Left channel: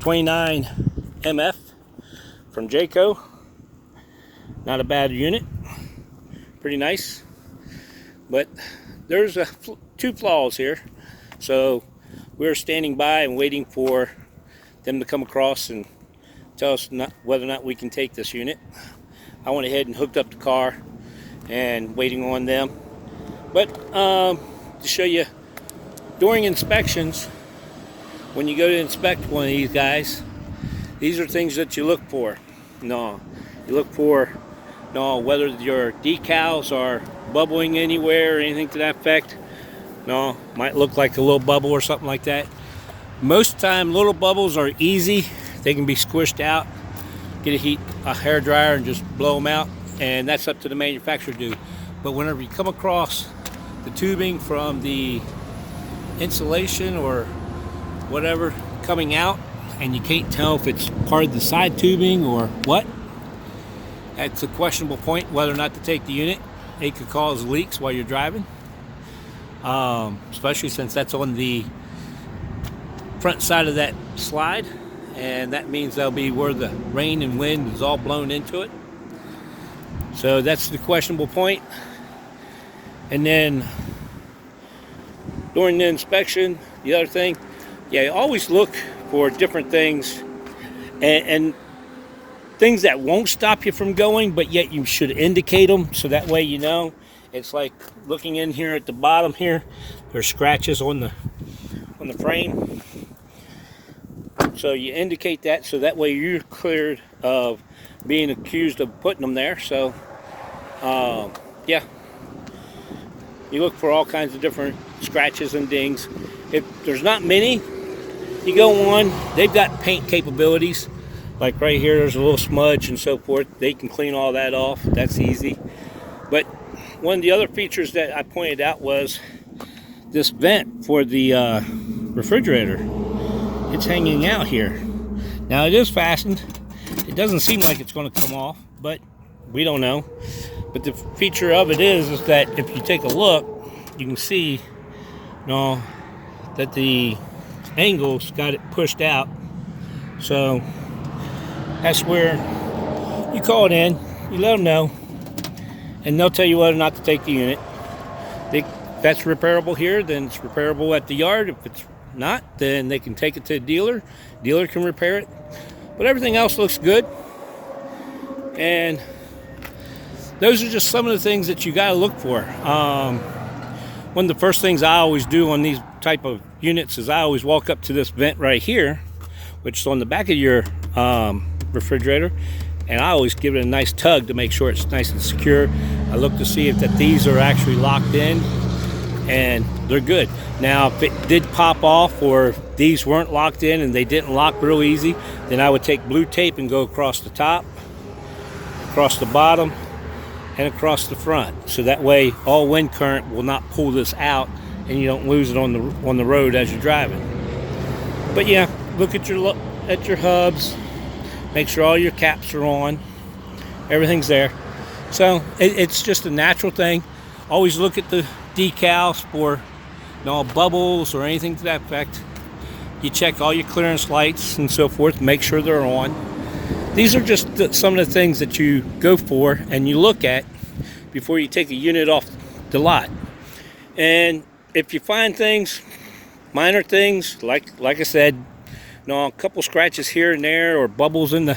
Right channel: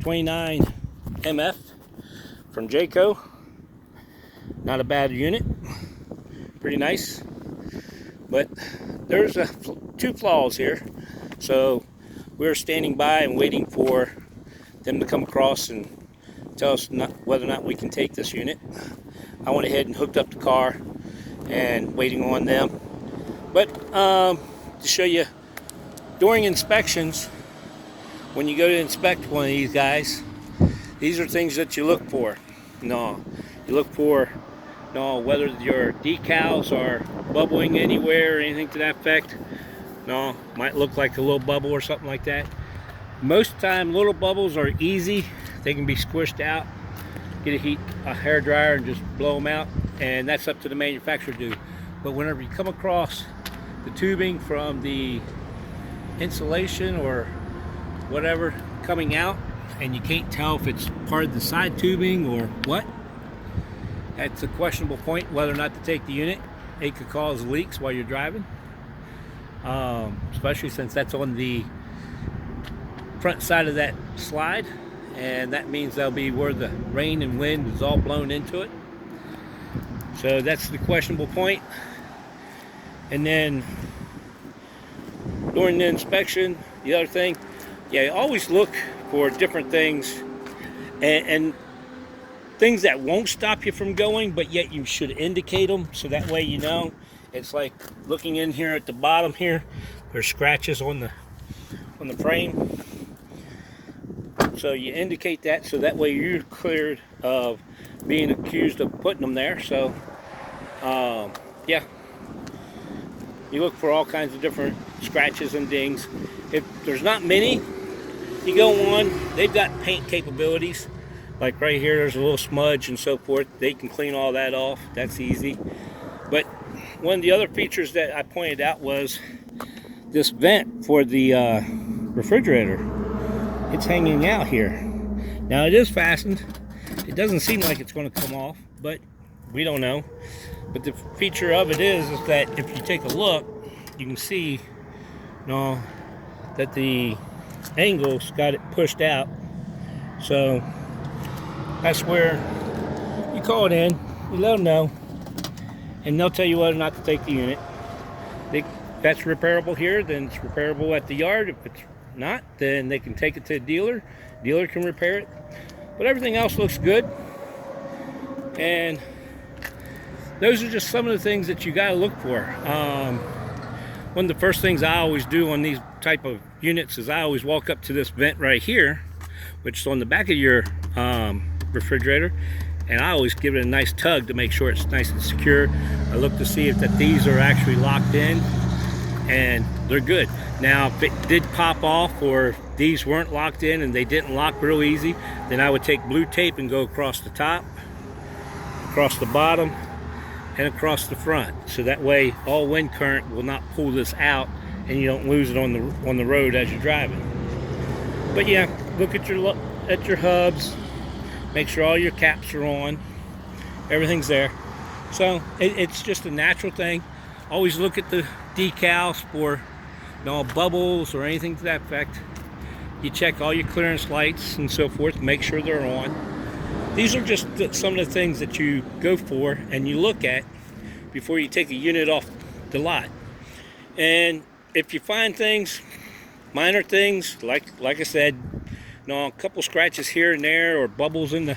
29 MF from Jayco. Not a bad unit, pretty nice, but there's two flaws here. So we're standing by and waiting for them to come across and tell us whether or not we can take this unit. I went ahead and hooked up the car and waiting on them. But to show you, during inspections, when you go to inspect one of these guys, these are things that you look for. You look for whether your decals are bubbling anywhere or anything to that effect. Might look like a little bubble or something like that. Most of the time, little bubbles are easy. They can be squished out. Get a hair dryer and just blow them out, and that's up to the manufacturer to do. But whenever you come across the tubing from the insulation or whatever coming out, and you can't tell if it's part of the side tubing or what, that's a questionable point whether or not to take the unit. It could cause leaks while you're driving, especially since that's on the front side of that slide, and that means that'll be where the rain and wind is all blown into it. So that's the questionable point. And then during the inspection, the other thing, you always look for different things and things that won't stop you from going, but yet you should indicate them, so that way you know. It's like looking in here at the bottom here, there's scratches on the frame. So you indicate that, so that way you're cleared of being accused of putting them there. So yeah, you look for all kinds of different scratches and dings. If there's not many, you go on. They've got paint capabilities. Like right here, there's a little smudge and so forth. They can clean all that off. That's easy. But one of the other features that I pointed out was this vent for the refrigerator. It's hanging out here. Now it is fastened. It doesn't seem like it's going to come off, but we don't know. But the feature of it is that if you take a look, you can see that the angle's got it pushed out. So that's where you call it in, you let them know, and they'll tell you whether or not to take the unit. If that's repairable here, then it's repairable at the yard. If it's not, then they can take it to the dealer. Dealer can repair it. But everything else looks good. And those are just some of the things that you got to look for. One of the first things I always do on these type of units is I always walk up to this vent right here, which is on the back of your refrigerator, and I always give it a nice tug to make sure it's nice and secure. I look to see if these are actually locked in, and they're good. Now, if it did pop off or these weren't locked in and they didn't lock real easy, then I would take blue tape and go across the top, across the bottom, and across the front, so that way all wind current will not pull this out and you don't lose it on the road as you're driving. But yeah, look at your hubs, make sure all your caps are on, everything's there. So it's just a natural thing. Always look at the decals for bubbles or anything to that effect. You check all your clearance lights and so forth, make sure they're on. These are just some of the things that you go for and you look at before you take a unit off the lot. And if you find things, minor things, like I said, a couple scratches here and there or bubbles in the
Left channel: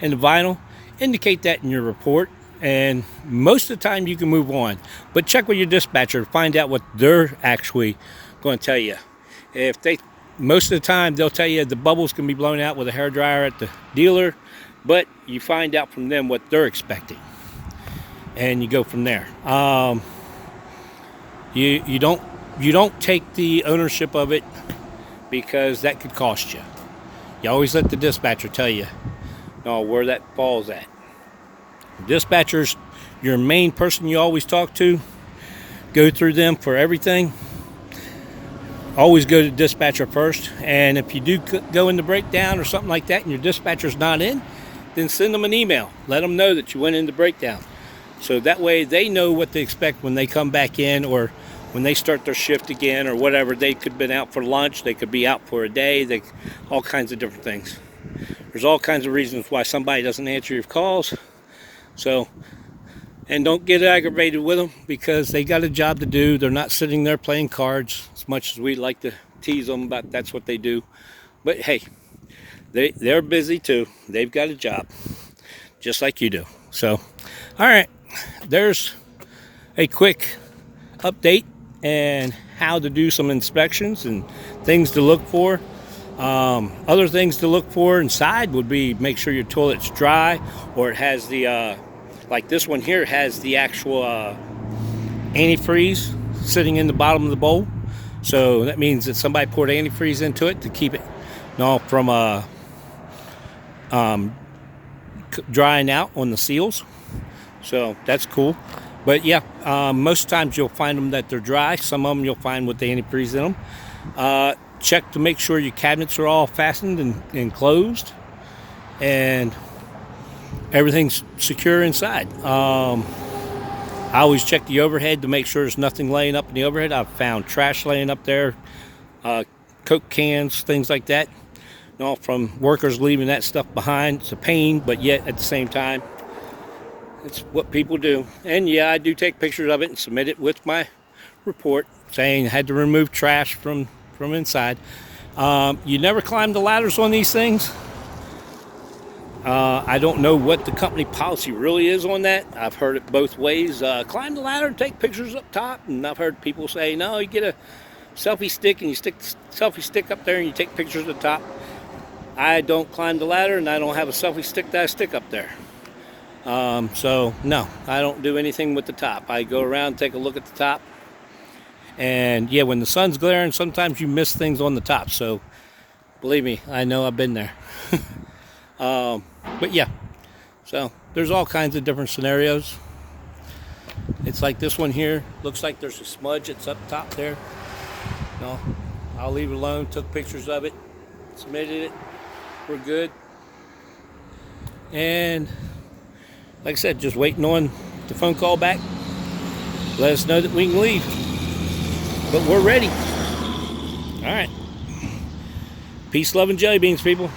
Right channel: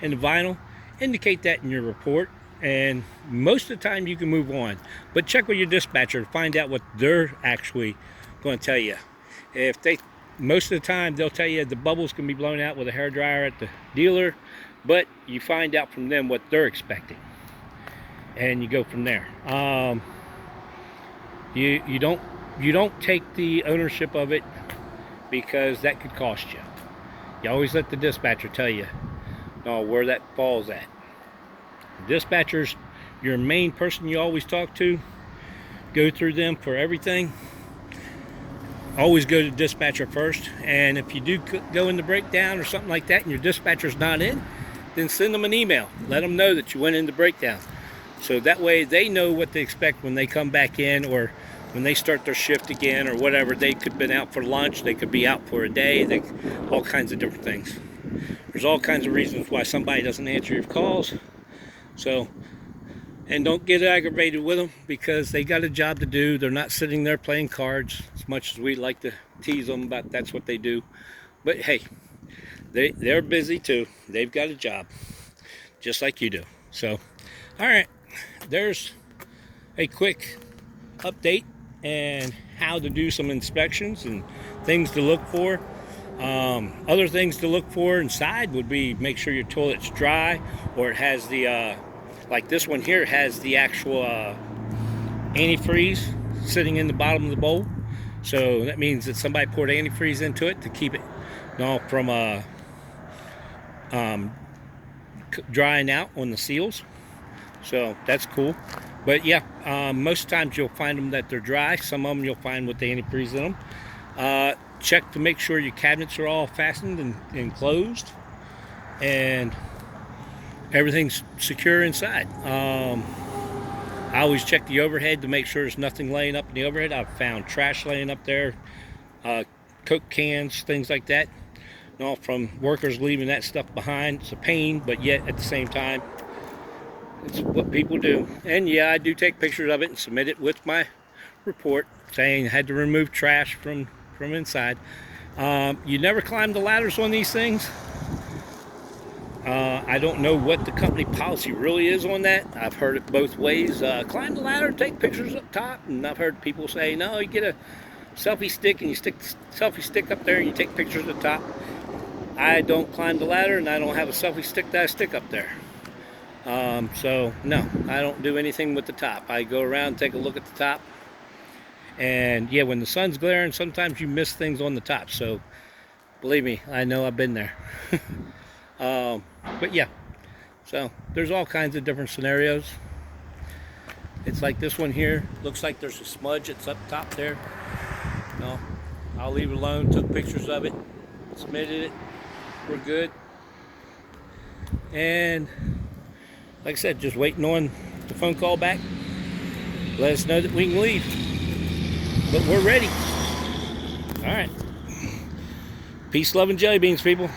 vinyl, indicate that in your report, and most of the time you can move on. But check with your dispatcher to find out what they're actually going to tell you. Most of the time they'll tell you the bubbles can be blown out with a hairdryer at the dealer, but you find out from them what they're expecting, and you go from there. You don't take the ownership of it, because that could cost you. You always let the dispatcher tell you where that falls at. Dispatcher's your main person you always talk to. Go through them for everything. Always go to dispatcher first, and if you do go into breakdown or something like that and your dispatcher's not in, then send them an email. Let them know that you went into breakdown, so that way they know what to expect when they come back in, or when they start their shift again or whatever, they could have been out for lunch, they could be out for a day, all kinds of different things. There's all kinds of reasons why somebody doesn't answer your calls. So, and don't get aggravated with them, because they got a job to do. They're not sitting there playing cards, as much as we like to tease them about that's what they do. But hey, they're busy too. They've got a job, just like you do. So, all right, there's a quick update and how to do some inspections and things to look for. Other things to look for inside would be make sure your toilet's dry, or it has the like this one here has the actual antifreeze sitting in the bottom of the bowl. So that means that somebody poured antifreeze into it to keep it from drying out on the seals. So that's cool. But yeah, most times you'll find them that they're dry. Some of them you'll find with the antifreeze in them. Check to make sure your cabinets are all fastened and closed, and everything's secure inside. I always check the overhead to make sure there's nothing laying up in the overhead. I've found trash laying up there, Coke cans, things like that. From workers leaving that stuff behind. It's a pain, but yet at the same time, it's what people do. And yeah, I do take pictures of it and submit it with my report saying I had to remove trash from inside. You never climb the ladders on these things. I don't know what the company policy really is on that. I've heard it both ways. Climb the ladder, take pictures up top, and I've heard people say, no, you get a selfie stick and you stick the selfie stick up there and you take pictures at the top. I don't climb the ladder, and I don't have a selfie stick that I stick up there. So no, I don't do anything with the top. I go around, take a look at the top, and yeah, when the sun's glaring, sometimes you miss things on the top. So believe me, I know, I've been there. But yeah, so there's all kinds of different scenarios. It's like this one here. Looks like there's a smudge that's up top there. No, I'll leave it alone. Took pictures of it, submitted it. We're good. And like I said, just waiting on the phone call back. Let us know that we can leave. But we're ready. All right. Peace, love, and jelly beans, people.